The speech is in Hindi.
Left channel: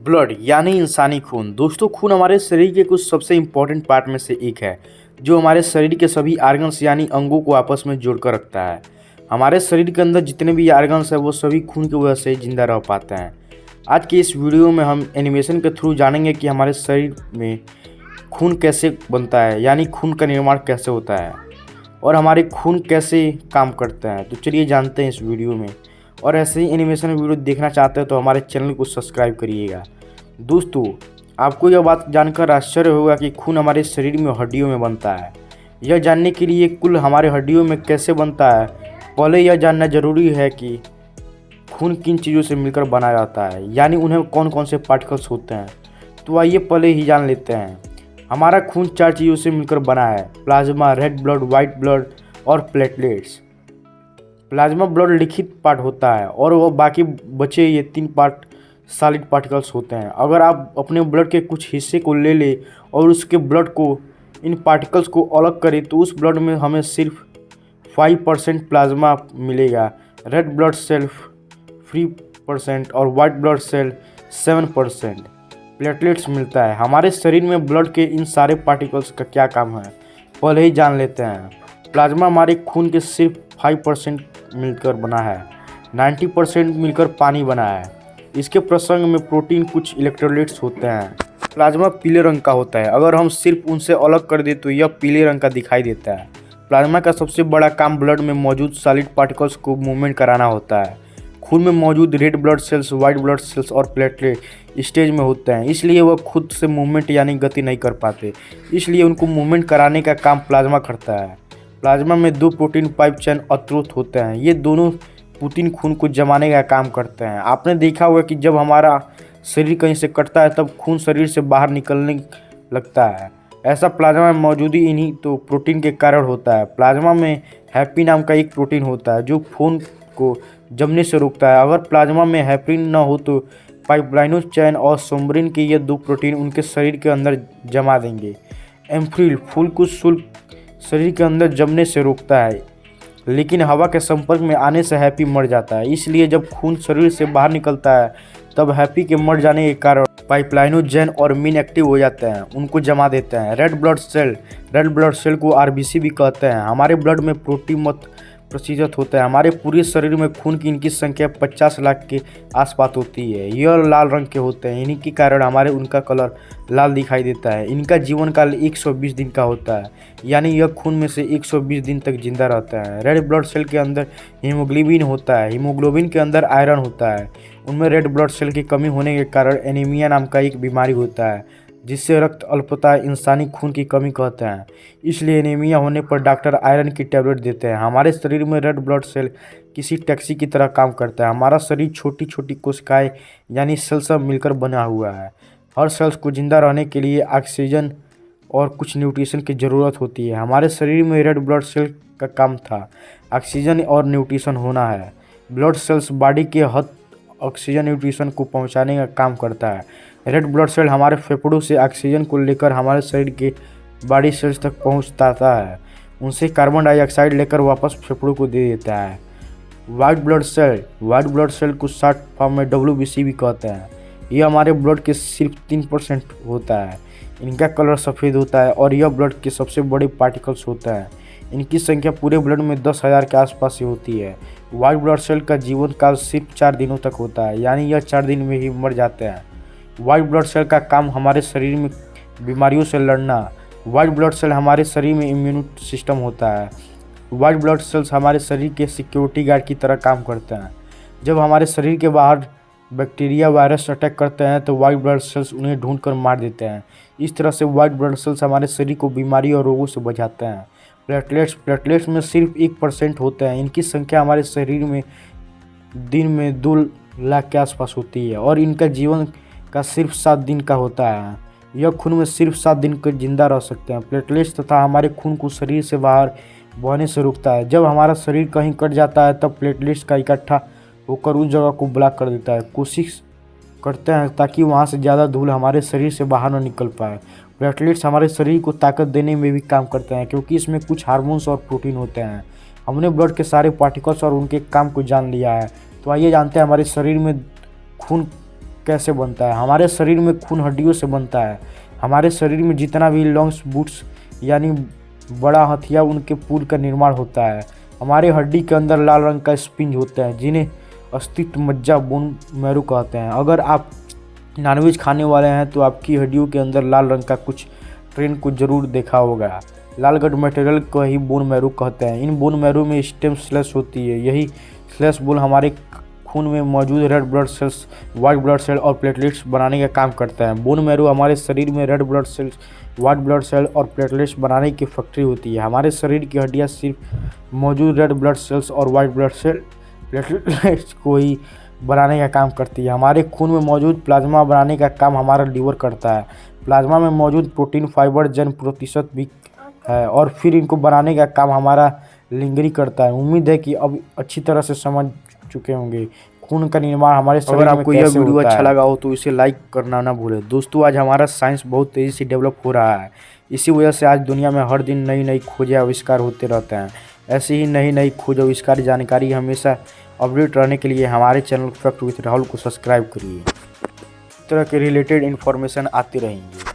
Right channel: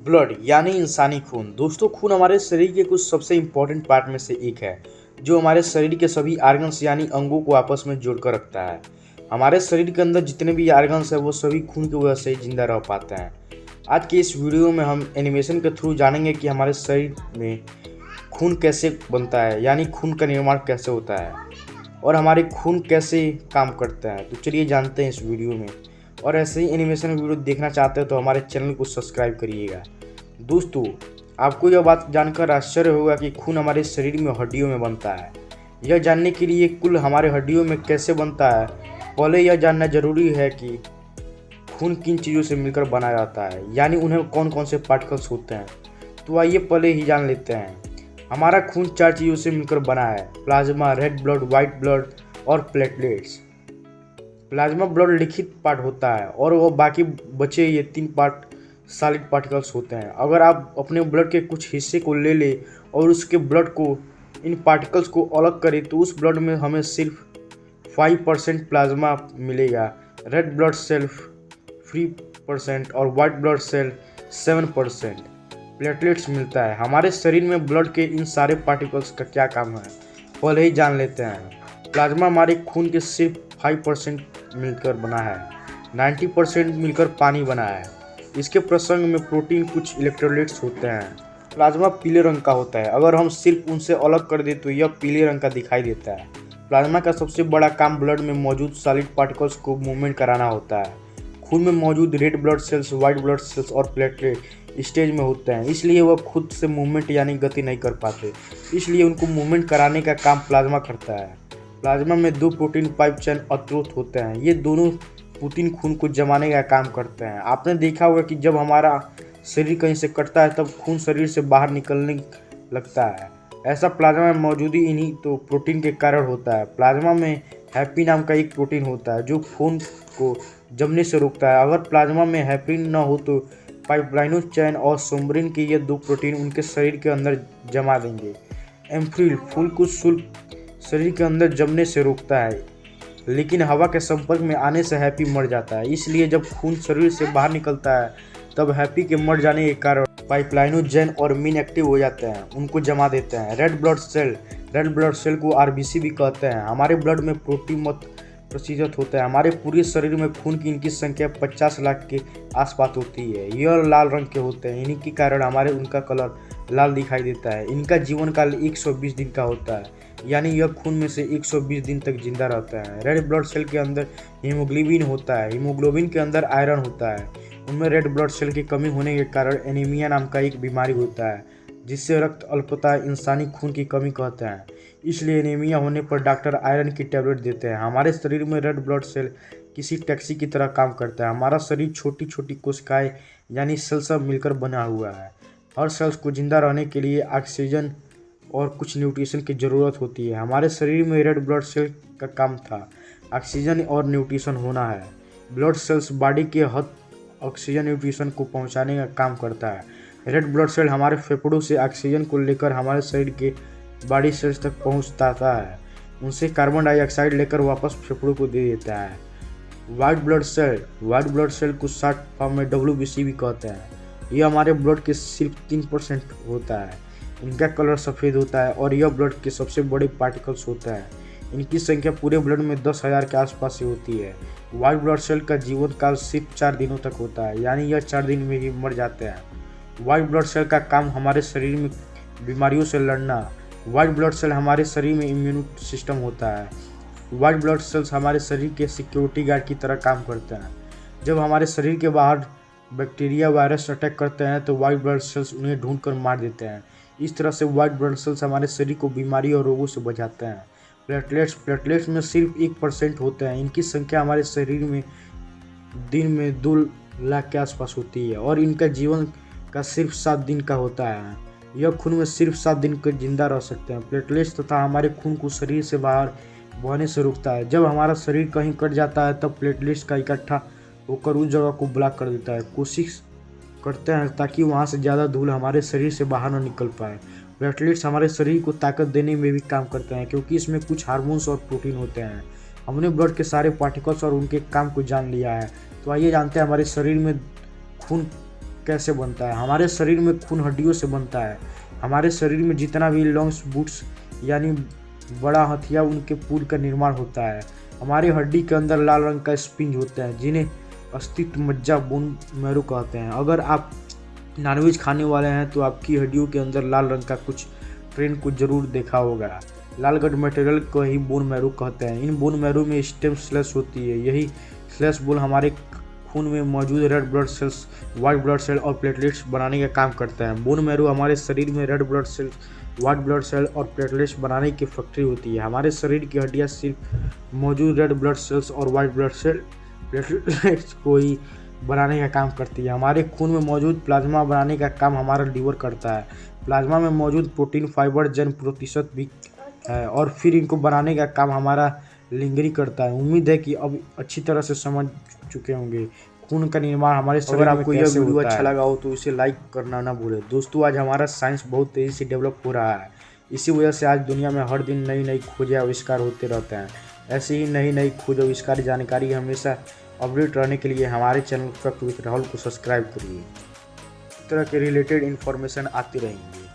ब्लड यानी इंसानी खून। दोस्तों, खून हमारे शरीर के कुछ सबसे इम्पोर्टेंट पार्ट में से एक है जो हमारे शरीर के सभी आर्गन्स यानी अंगों को आपस में जोड़कर रखता है। हमारे शरीर के अंदर जितने भी आर्गन्स हैं वो सभी खून की वजह से जिंदा रह पाते हैं। आज के इस वीडियो में हम एनिमेशन के थ्रू जानेंगे कि हमारे शरीर में खून कैसे बनता है, यानी खून का निर्माण कैसे होता है और हमारे खून कैसे काम करते हैं। तो चलिए जानते हैं इस वीडियो में। और ऐसे ही एनिमेशन वीडियो देखना चाहते हो तो हमारे चैनल को सब्सक्राइब करिएगा। दोस्तों, आपको यह बात जानकर आश्चर्य होगा कि खून हमारे शरीर में हड्डियों में बनता है। यह जानने के लिए कुल हमारे हड्डियों में कैसे बनता है, पहले यह जानना जरूरी है कि खून किन चीज़ों से मिलकर बना जाता है, यानी उन्हें कौन कौन से पार्टिकल्स होते हैं। तो आइए पहले ही जान लेते हैं। हमारा खून 4 चीज़ों से मिलकर बना है: plasma, red blood, white blood और प्लेटलेट्स। प्लाज्मा ब्लड लिखित पार्ट होता है और वो बाकी बचे ये 3 पार्ट सॉलिड पार्टिकल्स होते हैं। अगर आप अपने ब्लड के कुछ हिस्से को ले लें और उसके ब्लड को इन पार्टिकल्स को अलग करें तो उस ब्लड में हमें सिर्फ 5% प्लाज्मा मिलेगा, रेड ब्लड सेल 3% और वाइट ब्लड सेल 7% प्लेटलेट्स मिलता है। हमारे शरीर में ब्लड के इन सारे पार्टिकल्स का क्या काम है, पहले ही जान लेते हैं। प्लाज्मा हमारे खून के सिर्फ 5% मिलकर बना है, 90% मिलकर पानी बना है। इसके प्रसंग में प्रोटीन, कुछ इलेक्ट्रोलाइट्स होते हैं। प्लाज्मा पीले रंग का होता है, अगर हम सिर्फ उनसे अलग कर दें तो यह पीले रंग का दिखाई देता है। प्लाज्मा का सबसे बड़ा काम ब्लड में मौजूद सॉलिड पार्टिकल्स को मूवमेंट कराना होता है। खून में मौजूद red blood cells, white blood cells और प्लेटलेट स्टेज में होते हैं, इसलिए वह खुद से मूवमेंट यानी गति नहीं कर पाते, इसलिए उनको मूवमेंट कराने का काम प्लाज्मा करता है। प्लाज्मा में 2 प्रोटीन पाइप चेन अवरोध होते हैं, ये दोनों प्रोटीन खून को जमाने का काम करते हैं। आपने देखा होगा कि जब हमारा शरीर कहीं से कटता है तब खून शरीर से बाहर निकलने लगता है। ऐसा प्लाज्मा में मौजूदी इन्हीं तो प्रोटीन के कारण होता है। प्लाज्मा में हैप्पी नाम का एक प्रोटीन होता है जो खून को जमने से रोकता है। अगर प्लाज्मा में हैप्रिन न हो तो पाइपलाइनो चैन और सोम्ब्रिन के ये 2 प्रोटीन उनके शरीर के अंदर जमा देंगे। एम्फ्रिल फूल को शुल्क शरीर के अंदर जमने से रोकता है, लेकिन हवा के संपर्क में आने से हैप्पी मर जाता है। इसलिए जब खून शरीर से बाहर निकलता है तब हैप्पी के मर जाने के कारण पाइपलाइनोजेन और मीन एक्टिव हो जाते हैं, उनको जमा देते हैं। रेड ब्लड सेल को आरबीसी भी कहते हैं। हमारे ब्लड में प्रोटीन मत प्रतिशत होता है। हमारे पूरे शरीर में खून की इनकी संख्या 50 लाख के आसपास होती है। यह लाल रंग के होते हैं, इन्हीं के कारण हमारे उनका कलर लाल दिखाई देता है। इनका जीवन काल 120 दिन का होता है, यानी यह खून में से 120 दिन तक जिंदा रहता है। रेड ब्लड सेल के अंदर हीमोग्लोबिन होता है, हीमोग्लोबिन के अंदर आयरन होता है। उनमें रेड ब्लड सेल की कमी होने के कारण एनीमिया नाम का एक बीमारी होता है, जिससे रक्त अल्पता इंसानी खून की कमी कहते हैं। इसलिए एनीमिया होने पर डॉक्टर आयरन की टैबलेट देते हैं। हमारे शरीर में रेड ब्लड सेल किसी टैक्सी की तरह काम करता है। हमारा शरीर छोटी छोटी कोशिकाएं यानी सेल सब मिलकर बना हुआ है। हर सेल्स को जिंदा रहने के लिए ऑक्सीजन और कुछ न्यूट्रिशन की ज़रूरत होती है। हमारे शरीर में रेड ब्लड सेल का काम था ऑक्सीजन और न्यूट्रिशन होना है। ब्लड सेल्स बॉडी के हद ऑक्सीजन न्यूट्रिशन को पहुंचाने का काम करता है। रेड ब्लड सेल हमारे फेफड़ों से ऑक्सीजन को लेकर हमारे शरीर के बॉडी सेल्स तक पहुंचाता है, उनसे कार्बन डाइऑक्साइड लेकर वापस फेफड़ों को दे देता है। वाइट ब्लड सेल को शॉर्ट फॉर्म में WBC भी कहते हैं। यह हमारे ब्लड के सिर्फ 3% होता है। इनका कलर सफ़ेद होता है और यह ब्लड के सबसे बड़े पार्टिकल्स होता है। इनकी संख्या पूरे ब्लड में 10,000 के आसपास से होती है। वाइट ब्लड सेल का जीवन काल सिर्फ 4 दिनों तक होता है, यानी यह 4 दिन में ही मर जाते हैं। वाइट ब्लड सेल का काम हमारे शरीर में बीमारियों से लड़ना। वाइट ब्लड सेल हमारे शरीर में इम्यून सिस्टम होता है। वाइट ब्लड सेल्स हमारे शरीर के सिक्योरिटी गार्ड की तरह काम करते हैं। जब हमारे शरीर के बाहर बैक्टीरिया, वायरस अटैक करते हैं तो वाइट ब्लड सेल्स उन्हें ढूंढकर मार देते हैं। इस तरह से वाइट ब्लड सेल्स हमारे शरीर को बीमारी और रोगों से बचाते हैं। प्लेटलेट्स में सिर्फ 1% होते हैं। इनकी संख्या हमारे शरीर में दिन में 2 लाख के आसपास होती है और इनका जीवन का सिर्फ 7 दिन का होता है। यह खून में सिर्फ 7 दिन तक जिंदा रह सकते हैं। प्लेटलेट्स तथा हमारे खून को शरीर से बाहर बहने से रोकता है। जब हमारा शरीर कहीं कट जाता है तब प्लेटलेट्स का इकट्ठा होकर उस जगह को ब्लॉक कर देता है। कोशिश करते हैं ताकि वहाँ से ज़्यादा धूल हमारे शरीर से बाहर न निकल पाए। प्लेटलेट्स हमारे शरीर को ताकत देने में भी काम करते हैं, क्योंकि इसमें कुछ हार्मोन्स और प्रोटीन होते हैं। हमने ब्लड के सारे पार्टिकल्स और उनके काम को जान लिया है, तो आइए जानते हैं हमारे शरीर में खून कैसे बनता है। हमारे शरीर में खून हड्डियों से बनता है। हमारे शरीर में जितना भी लंग्स बूट्स यानी बड़ा हथिया उनके पूल का निर्माण होता है। हमारे हड्डी के अंदर लाल रंग का स्पिंज होता है जिन्हें अस्तित्व मज्जा बोन मैरू कहते हैं। अगर आप नॉनवेज खाने वाले हैं तो आपकी हड्डियों के अंदर लाल रंग का कुछ ट्रेंड को जरूर देखा होगा। लाल गट मटेरियल को ही बोन मैरू कहते हैं। इन बोन मैरू में स्टेम सेल्स होती है। यही सेल्स बोल हमारे खून में मौजूद red blood cells, white blood cell और प्लेटलेट्स बनाने का काम करता है। बोन मैरू हमारे शरीर में red blood cells, white blood cell और प्लेटलेट्स बनाने की फैक्ट्री होती है। हमारे शरीर की हड्डियाँ सिर्फ मौजूद रेड ब्लड सेल्स और वाइट ब्लड सेल प्लेटलेट्स को ही बनाने का काम करती है। हमारे खून में मौजूद प्लाज्मा बनाने का काम हमारा लीवर करता है। प्लाज्मा में मौजूद प्रोटीन फाइबर जन प्रतिशत भी है और फिर इनको बनाने का काम हमारा लिंगरी करता है। उम्मीद है कि अब अच्छी तरह से समझ चुके होंगे खून का निर्माण हमारे शरीर में कैसे होता है। अगर आपको यह वीडियो अच्छा लगा हो तो इसे लाइक करना ना भूलें। दोस्तों, आज हमारा साइंस बहुत तेज़ी से डेवलप हो रहा है। इसी वजह से आज दुनिया में हर दिन नई नई खोजें आविष्कार होते रहते हैं। ऐसे ही नई नई खोज आविष्कार जानकारी हमेशा अपडेट रहने के लिए हमारे चैनल फैक्ट विद राहुल को सब्सक्राइब करिए। इस तरह के रिलेटेड इन्फॉर्मेशन आती रहेंगी।